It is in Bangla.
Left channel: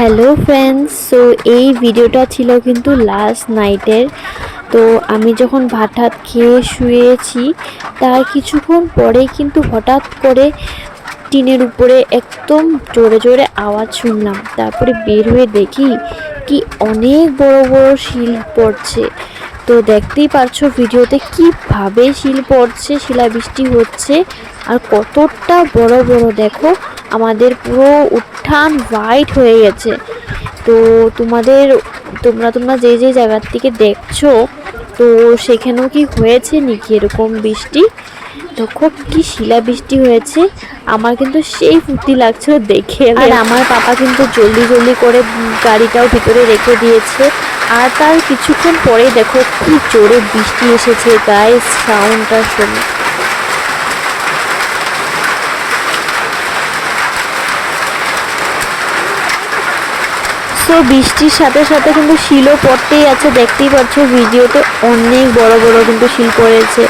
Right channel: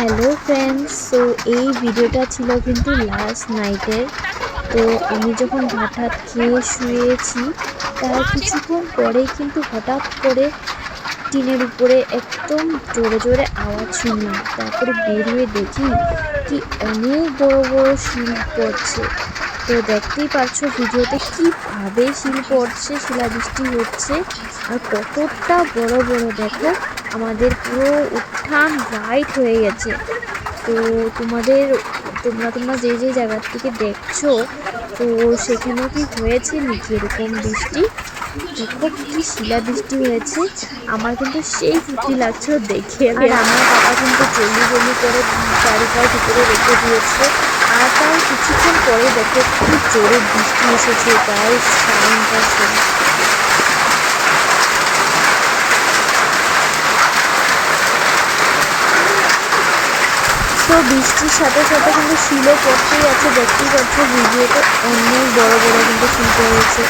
হ্যালো ফ্রেন্ডস, সো এই ভিডিওটা ছিল কিন্তু লাস্ট নাইটের। তো আমি যখন ভাত টাত খেয়ে শুয়েছি তার কিছুক্ষণ পরেই কিন্তু হঠাৎ করে টিনের উপরে একদম জোরে জোরে আওয়াজ শুনলাম। তারপরে বের হয়ে দেখি কি অনেক বড় বড় শিল পড়ছে। তো দেখতেই পারছো ভিডিওতে কিভাবে শিল পড়ছে, শিলাবৃষ্টি হচ্ছে আর কতটা বড় বড়। দেখো আমাদের পুরো উঠান হোয়াইট হয়ে গেছে। তো তোমাদের তোমরা তোমরা যে যে জায়গার থেকে দেখছো, তো সেখানেও কি হয়েছে নাকি এরকম বৃষ্টি? দেখো কি শিলাবৃষ্টি হয়েছে। আমার কিন্তু সেই ফুর্তি লাগছিল দেখে। আর আমার পাপা কিন্তু জলদি জলদি করে গাড়িটাও ভিতরে রেখে দিয়েছে। আর তার কিছুক্ষণ পরেই দেখো কি জোরে বৃষ্টি এসেছে গাইস, সাউন্ডটা শোনো। সো বৃষ্টির সাথে সাথে কিন্তু শিলও পড়তেই আছে, দেখতেই পাচ্ছ ভিডিওতে অনেক বড় বড় কিন্তু শিল পড়েছে।